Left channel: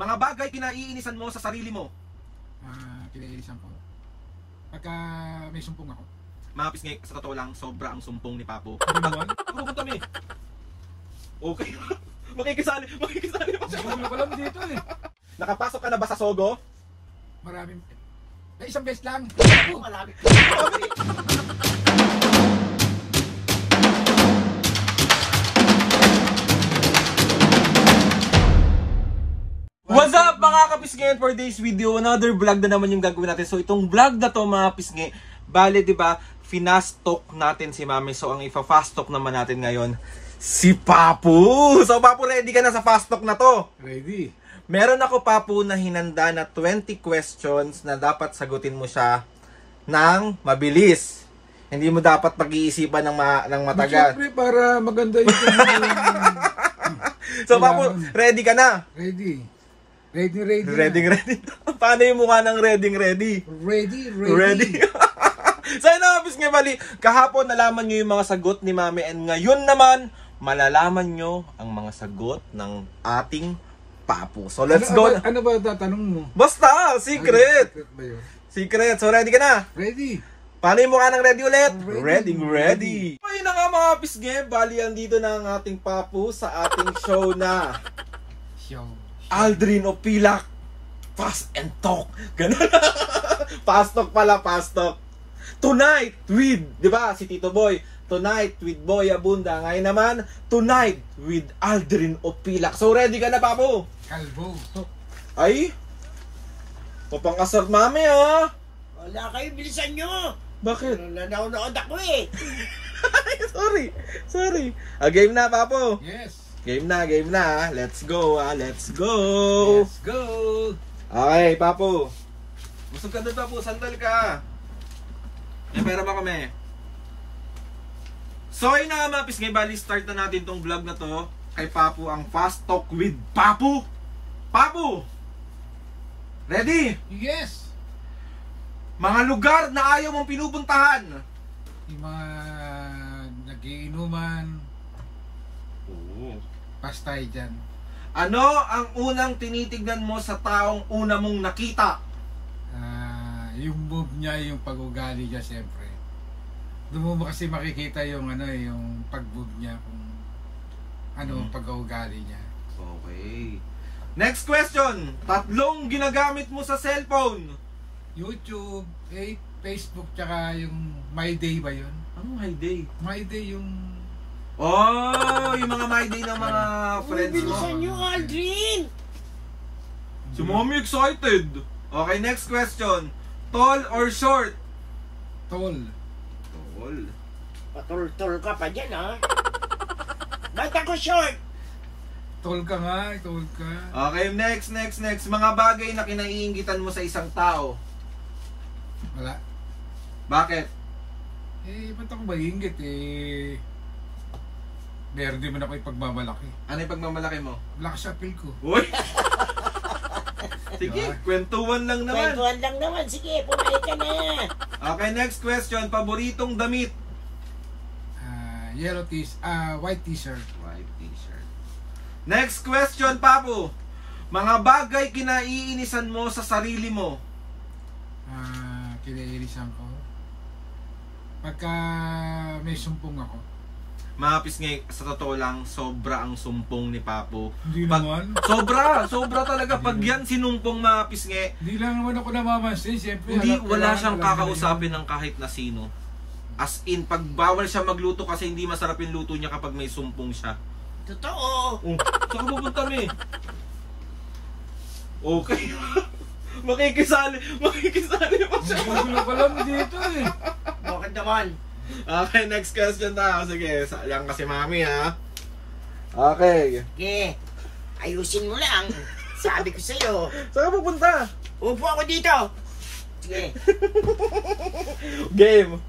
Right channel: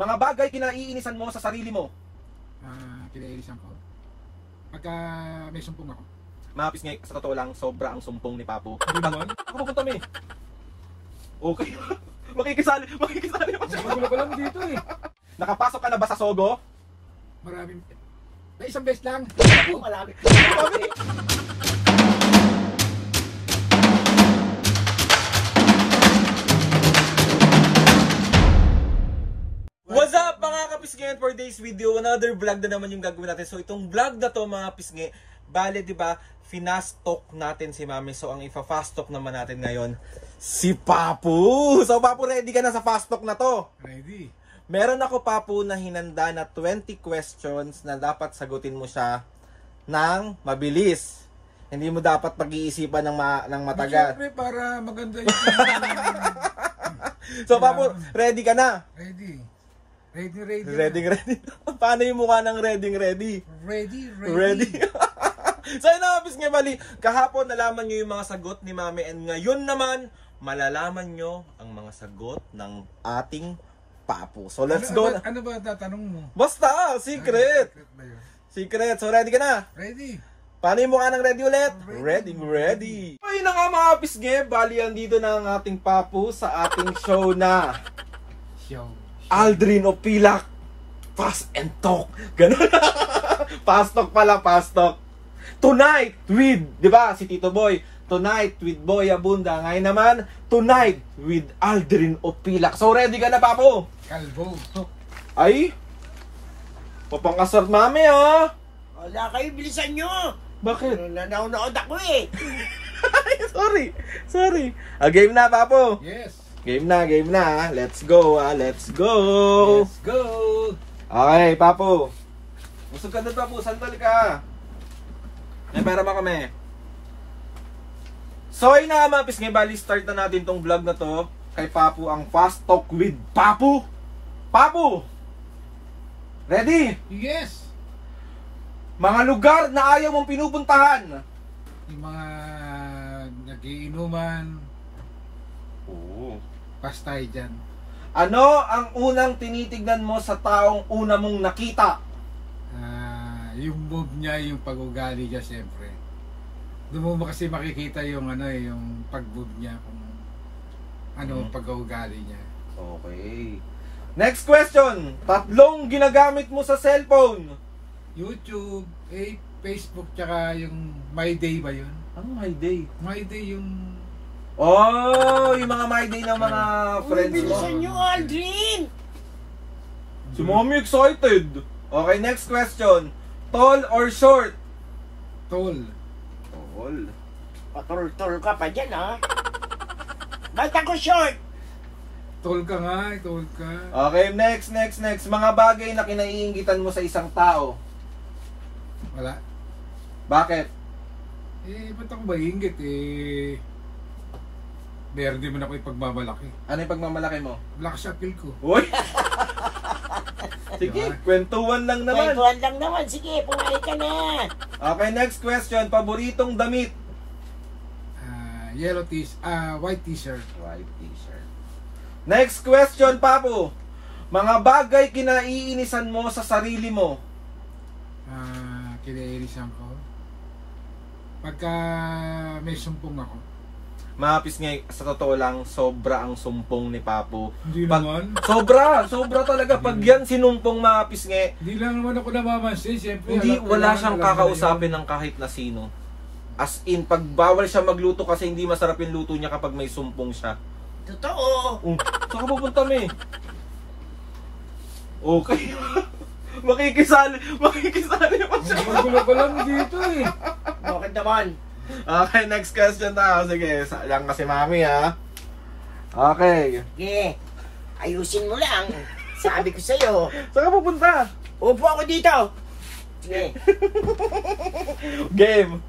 Mga bagay kinaiinisan mo sa sarili mo. Kinaiinisan ko. Pagka may sumpong ako. Mga pisngi, sa totoo lang, sobra ang sumpong ni Papo. Hindi naman. Ako pupunta mi. Okay. Makikisali pa siya. Magulo ko lang dito eh. Nakapasok ka na ba sa Sogo? Maraming... isang beses lang. Malapit. What's up mga kapisngi? For today's video, another vlog na naman yung gagawin natin. So itong vlog na to mga pisngi, bale diba, fast talk natin si Mami. So ang ipa-fast talk naman natin ngayon, si Papu. So Papu, ready ka na sa fast talk na to? Ready. Meron ako Papu na hinanda na 20 questions na dapat sagutin mo siya ng mabilis. Hindi mo dapat pag-iisipan ng matagal. Siyempre para maganda yung... So Papu, ready ka na? Ready. Paano yung mukha ng ready? Ready. So ano, bis nga bali, kahapon nalaman nyo yung mga sagot ni Mami, and ngayon naman, malalaman nyo ang mga sagot ng ating Papu. So let's go. Ano ba tatanong mo? Basta, secret. Secret ba yun? Secret. So ready ka na? Ready. Paano yung mukha ng ready ulit? Ready. Ayun na nga mga pisge, bali andito na ang ating Papu sa ating show na Aldrin Opilak Fast and Talk. Ganun. Fast Talk pala, Fast Talk. Tonight with, di ba, si Tito Boy. Tonight with Boy Abunda. Ngayon naman, tonight with Aldrin Opilak. So ready ka na, Papu? Kalbo. Ay, papangkasar Mami ha. Wala kayo, bilisan nyo. Bakit? Nanaunod ako eh. Sorry. Game na, Papu. Yes. Game na. Let's go, let's go. Let's go. Okay, Papu. Busog ka doon, Papu. Sandal ka. May pera ba kami? So, ayun na mga pisngi. Bali, start na natin tong vlog na to. Kay Papu, ang Fast Talk with Papu. Papu! Ready? Yes. Mga lugar na ayaw mong pinupuntahan. Yung mga nagiinuman, Oo. pastay dyan. Ano ang unang tinitignan mo sa taong una mong nakita? Yung move niya, yung pag-ugali niya, siyempre. Doon mo kasi makikita yung yung pag-move niya, kung pag-ugali niya. Okay. Next question. Tatlong ginagamit mo sa cellphone. YouTube, Facebook, tsaka yung My Day ba yun? Ang My Day? My Day yung... Oh, yung mga My Day ng mga friends mo. Bilisan nyo, Aldrin. Si Mommy excited. Okay, next question. Tall or short? Tall. Tall. Patol-tol ka pa dyan, ha? Ba't ako short? Tall ka nga, tall ka. Okay, next. Mga bagay na kinaiingitan mo sa isang tao. Wala. Bakit? Ba't ako maingit meron din man ako ipagmamalaki. Ano yung pagmamalaki mo? Lakas sa appeal ko. Uy! Sige, kwentuhan lang naman. Kwentuhan lang naman. Sige, pumalik ka na. Okay, next question. Paboritong damit? White t-shirt. White t-shirt. Next question, Papu. Mga bagay kinaiinisan mo sa sarili mo. Kinaiinisan ko. Pagka may sumpong ako. Mapis nga, sa totoo lang, sobra ang sumpong ni Papu. Hindi naman. Sobra talaga. Pag yan sinumpong mapis nga, Hindi lang naman ako namamansin. Siyempre, wala siyang kakausapin ng kahit na sino. As in, pag bawal siya magluto kasi hindi masarap yung luto niya kapag may sumpong siya. Totoo. Saan ka pupunta mo eh? Okay. Makikisali pa siya. Magulo ko lang dito eh. Bakit naman? Okay, next question na. Sige, lang kasi Mami ha. Okay. Sige, ayusin mo lang. Sabi ko sa'yo. Saan ka pupunta? Upo ako dito. Sige. Game.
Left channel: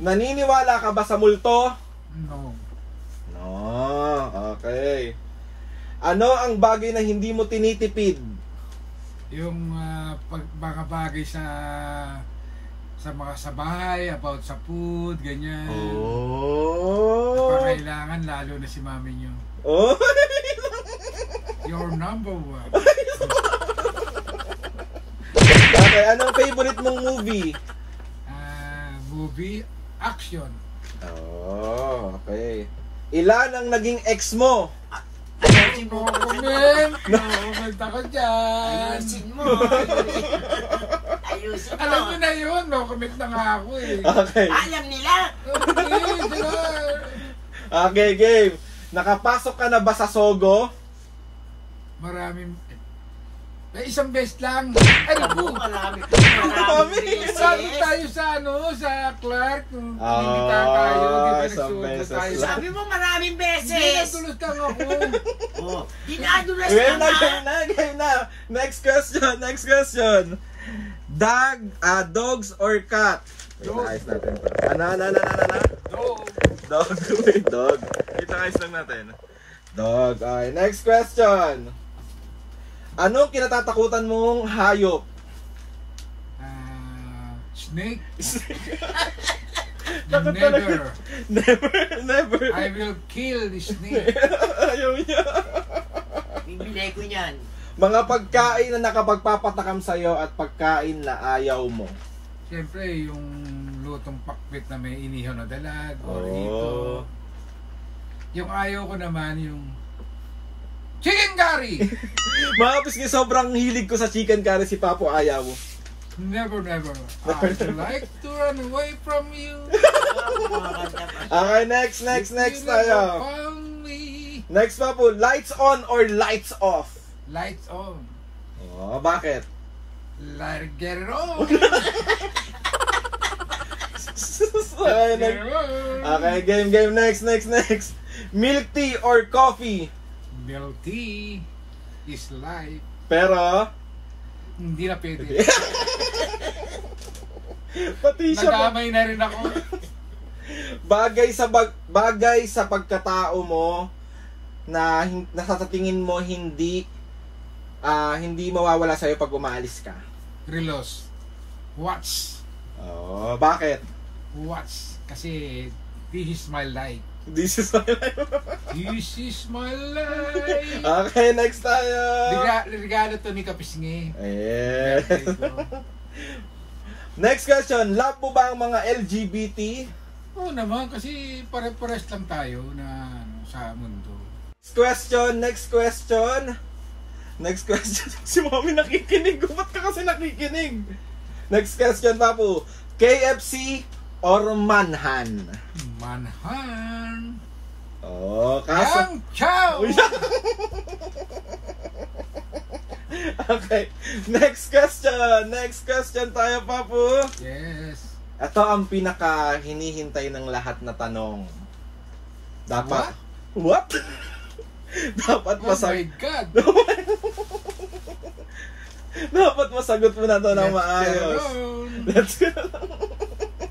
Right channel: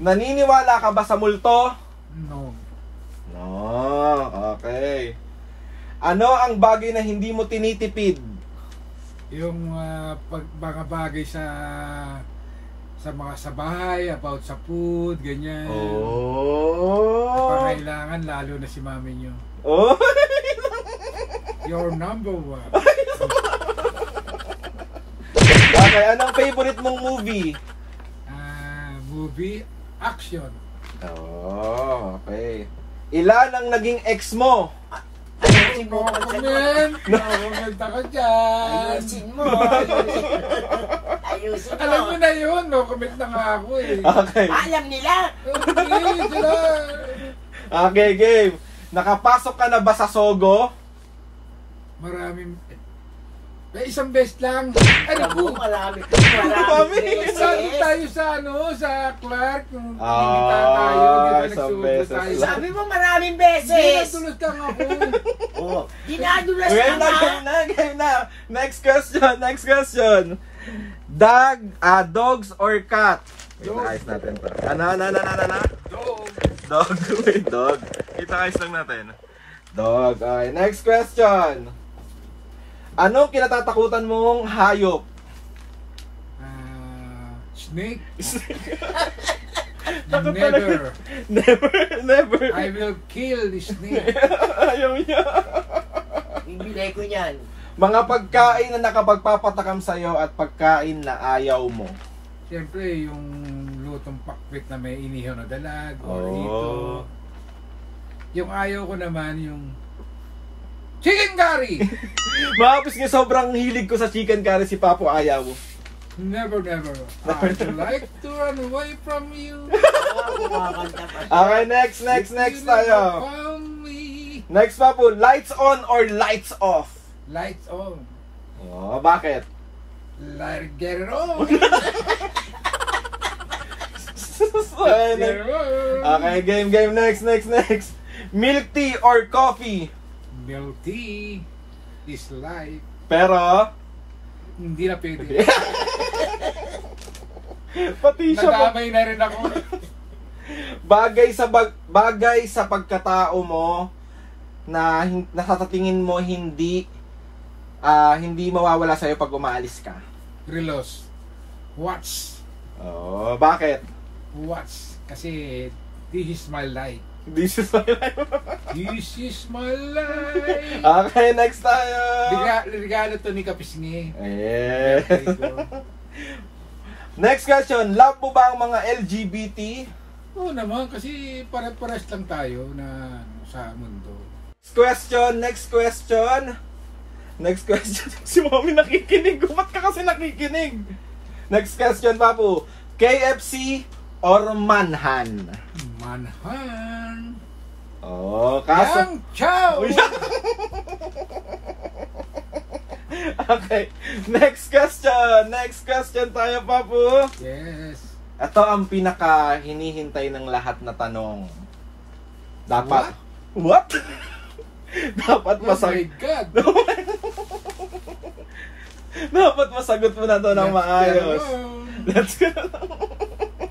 Naniniwala ka ba sa multo? No. Okay. Ano ang bagay na hindi mo tinitipid? Yung mga bagay sa bahay, about sa food, ganyan. Pangailangan, lalo na si mami nyo. Oh. Your number one. Okay, anong favorite mong movie? Movie, action. Oh, okay. Ilan ang naging ex mo? Ayusin mo. Comment! Comment ako dyan! Ayusin mo. Ayusin mo. Alam mo na yun, no? Comment na nga ako eh. Okay. Alam nila. Okay, sila. Okay, game. Nakapasok ka na ba sa Sogo? Maraming... May isang beses lang. Ano po? Marami. Sabi tayo sa ano, sa Clark, nung pinita tayo, di ba isang nagsubo beses tayo. lang. Sabi mo maraming Hindi, beses. natulog ka nga ako. Oh, dinadulas Game ka na, na. game na. Next question. Dogs or cat? Dog. Ayos natin pa. Ano? Dog. Dog. Wait, dog. Kita-ayos lang natin. Dog. Okay, next question. Anong kinatatakutan mong hayop? Snake. Never. Never. I will kill the snake. Ayaw niya. Bibili ko yan. Mga pagkain na nakapagpapatakam sa'yo at pagkain na ayaw mo. Siyempre, yung lutong pakbit na may inihaw na dalag or Oh. ito. Yung ayaw ko naman, yung chicken curry! Makapis nga sobrang hilig ko sa chicken curry si Papo ayaw. Never. I'd like to run away from you. Okay, next You never tayo. found me. Next Papo, lights on or lights off? Lights on. Oh, bakit? Get it on. Okay, Get it on. okay, game. Next. Milk tea or coffee? Milk tea is life. Pero, Hindi na pwede. pati siya Nadamay na rin ako. bagay sa pagkatao mo na sa tingin mo hindi mawawala sa iyo pag umaalis ka. Relos. Watch. Oh, bakit? Watch. Kasi this is my life. This is my life. This is my life. Okay, next tayo. Regalo to ni Kapisngi. Ayan. Birthday ko. Next question, love mo ba ang mga LGBT? Oo naman, kasi pare-pares lang tayo na sa mundo. Next question. Si Mami nakikinig. Ba't ka kasi nakikinig? Next question, Papu. KFC or Manhan? Manhan. Oh, kaso... Yang Chow! Okay. Next question tayo, Papu. Yes. Ito ang pinaka hinihintay ng lahat na tanong. Dapat... What? Dapat Oh my masagot. God! Dapat masagot mo na to ng maayos. Let's go.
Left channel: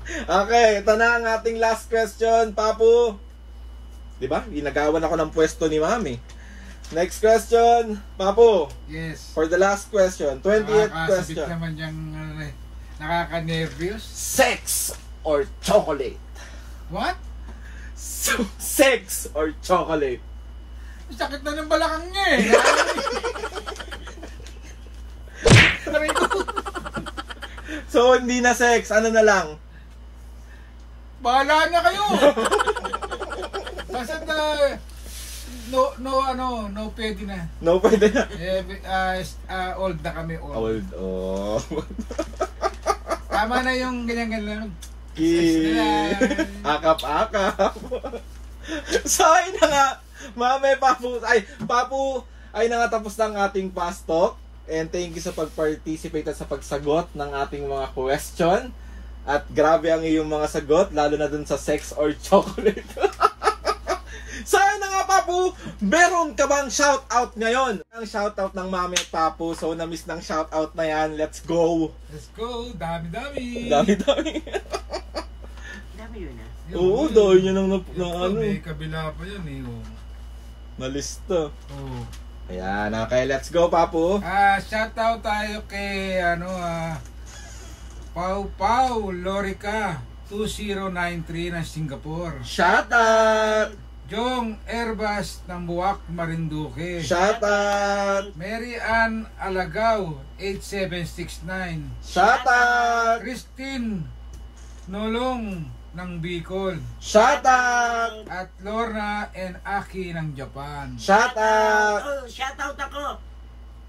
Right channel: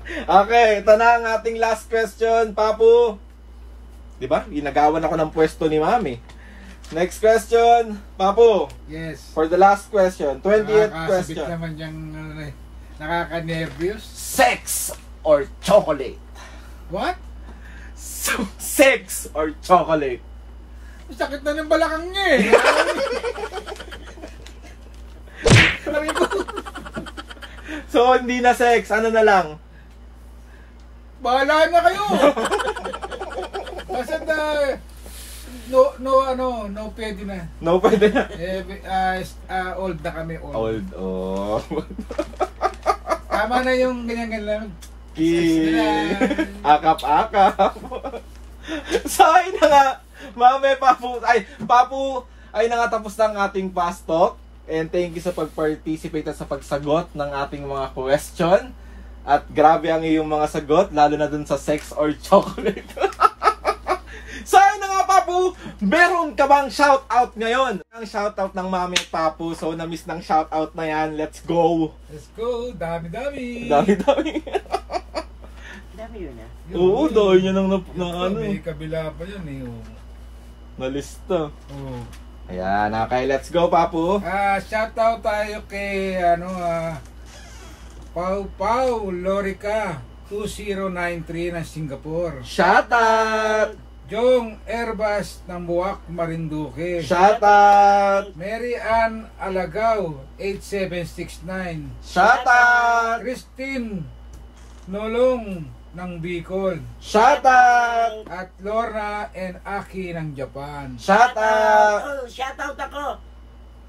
Okay, ito na ang ating last question, Papu. Diba? Ginagawan ako ng pwesto ni Mami. Next question, Papu. Yes. For the last question, 20th Nakakasabik question. naman yung nakaka-nervous. Sex or chocolate? What? Sex or chocolate? Sakit na ng balakang niya eh. Sabi ko, So, hindi na sex. Ano na lang? bahala na kayo. Basta no pwede na. No, pwede na. Old na kami, old. Oh. Tama na yung ganyan-ganyan. Akap-akap. So, ayun na nga. Mami, Papu, ay na nga tapos na ang ating fast talk. And thank you sa pag-participate at sa pagsagot ng ating mga question. At grabe ang iyong mga sagot, lalo na dun sa sex or chocolate. So, ayun na nga, Papu, meron ka bang shoutout ngayon? Ang shoutout ng Mami at Papu, so na-miss ng shoutout na yan. Let's go! Let's go, dami-dami. Dami-dami. Dami yun ah. Oo, dahil niya nang ano, May kabila pa yun eh. Oh. nalista. Oh. Ayan, okay, let's go, Papu. Shoutout tayo kay Pau Lorica 2093 ng Singapore. Shoutout! Jong Erbas ng Buwak, Marinduque. Shout out! Mary Ann Alagaw, 8769. Shout out! Christine Nolong ng Bicol. Shout out! At Lorna and Aki ng Japan. Shout out! Oh, shout out ako.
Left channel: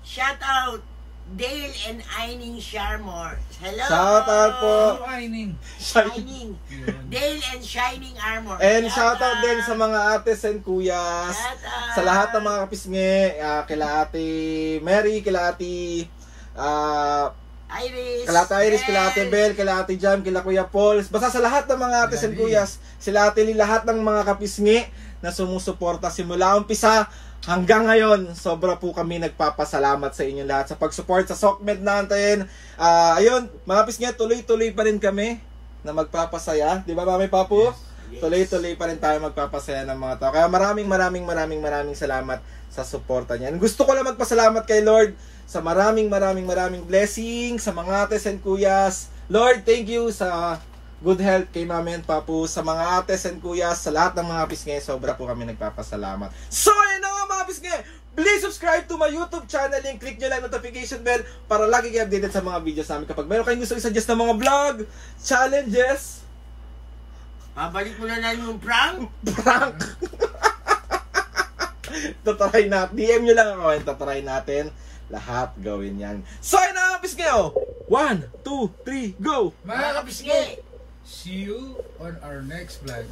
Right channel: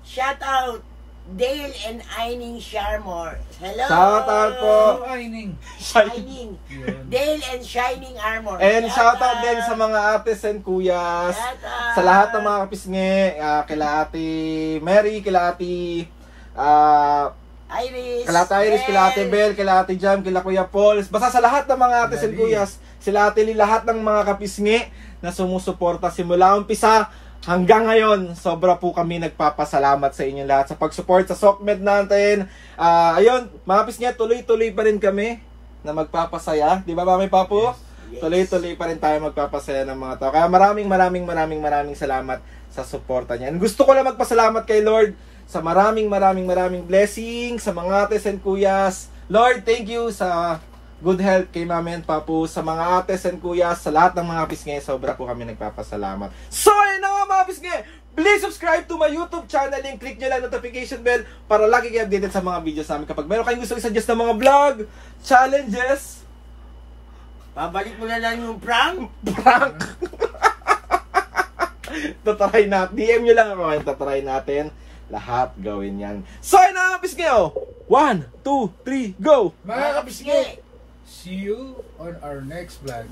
Shout out Dale and Aining Sharmore. Hello. Shout out po! Ano Aining? Shining. Yun. Dale and Shining Armor. And shout out din sa mga ates and kuyas. Shout out. Sa lahat ng mga kapisngi. Kila Ate Mary, kila Ate Iris. kila Ate Iris, kila Ate Bel, kila Ate Jam, kila Kuya Paul. Basta sa lahat ng mga ates and Lali. kuyas, sila Ate Lee, lahat ng mga kapisngi na sumusuporta simula umpisa hanggang ngayon. Sobra po kami nagpapasalamat sa inyo lahat sa pag-support sa SOCMED natin. Ayun, mga kapisngi, tuloy-tuloy pa rin kami na magpapasaya. Di ba, Mami Papu? Yes. Tuloy-tuloy pa rin tayo magpapasaya ng mga tao. Kaya maraming salamat sa suporta niya. And gusto ko lang magpasalamat kay Lord sa maraming blessings sa mga ates and kuyas. Lord, thank you sa good health kay Mami and Papu, sa mga ates and kuyas, sa lahat ng mga pisngi. Sobra po kami nagpapasalamat. So, yun na nga mga pisngi! Please subscribe to my YouTube channel and click nyo lang notification bell para lagi kayo updated sa mga videos namin. Kapag meron kayong gusto i-suggest ng mga vlog, challenges, Pabalik mo na lang yung prank. prank. Tatry natin. DM nyo lang ako. Tatry natin. Lahat gawin yan. So, yun na, pisngi! 1, 2, 3, go! Mga kapisngi, see you on our next vlog.